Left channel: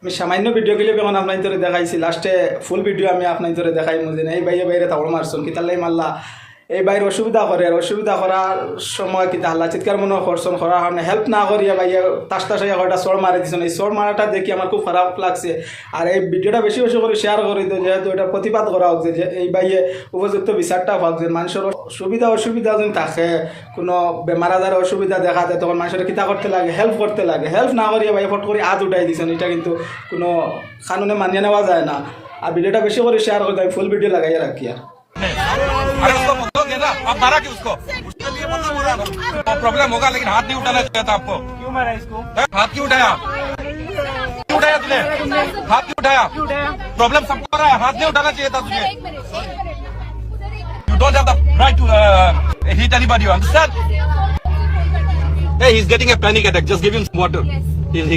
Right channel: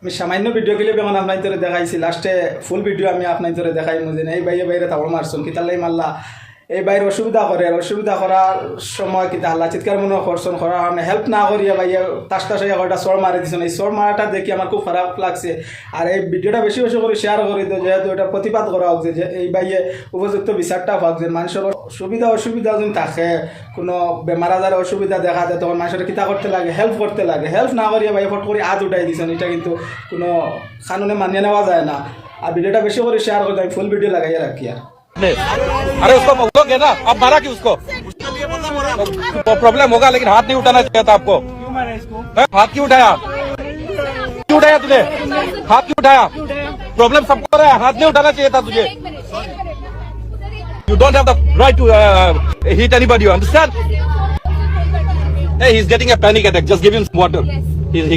আমি সামান্য video clip এখন আপনার ধরে দেখাইছি, লাস্টে ফুল ভিডিও আমি আপনার ধরে দেখাই মুঝে এই বাইরে বাইরে তাবড় মারছেন কি তাল্লাই মাল্লা এই বাইরে অসুবিধা করে, আর অসুবিধা করার সময় কিন্তু হাল্লা চিৎকার মনে করছেন করার কারণে হেল্প না করিয়া বাইয়া তাস টাস কয়টা চর মারি দিচ্ছেন। এই চর মারাটা দেখি আমার খুব খারাপ লাগছে। আর এই ভিডিওটা বেশি বেশি করে শেয়ার করে দিও, যেহেতু এটা প্রতিবাদ করা হোক যে এই বাইয়ে উপযুক্ত বিচারটা হোক, যে মানুষের সুবিধা অসুবিধা যদি থাকে, কোনো বেমার আজার অসুবিধা দেখা যায় তখন মানুষের কিতা করতে লাগে, হেল্প করতে লাগে। হেল্প না করিয়া বাইয়া ফট করে হাত উঠাই দিচ্ছেন, এটা কিন্তু কোনো কানুনে মানিয়ে নেওয়া যায় না। আর ভিডিওটা বেশি করে শেয়ার করে আমি ফুল ভিডিও লাগাইয়া রাখিয়া। अरे उसको बोलोगे ना, आप मारा क्यों उसको? तो प्रॉब्लम होगा, लेकिन हाथ नहीं उठाना चाहिए था आपको। क्यों मारा इसको? हाथ क्यों उठाया? क्यों उठाया तुझे? हाथ क्यों उठाया? प्रॉब्लम सबको है, हाथ नहीं उठाना चाहिए था तुझे। You don't have the right to hit anybody, you understand? Hey, he's getting a panic attack. Just give him some water. He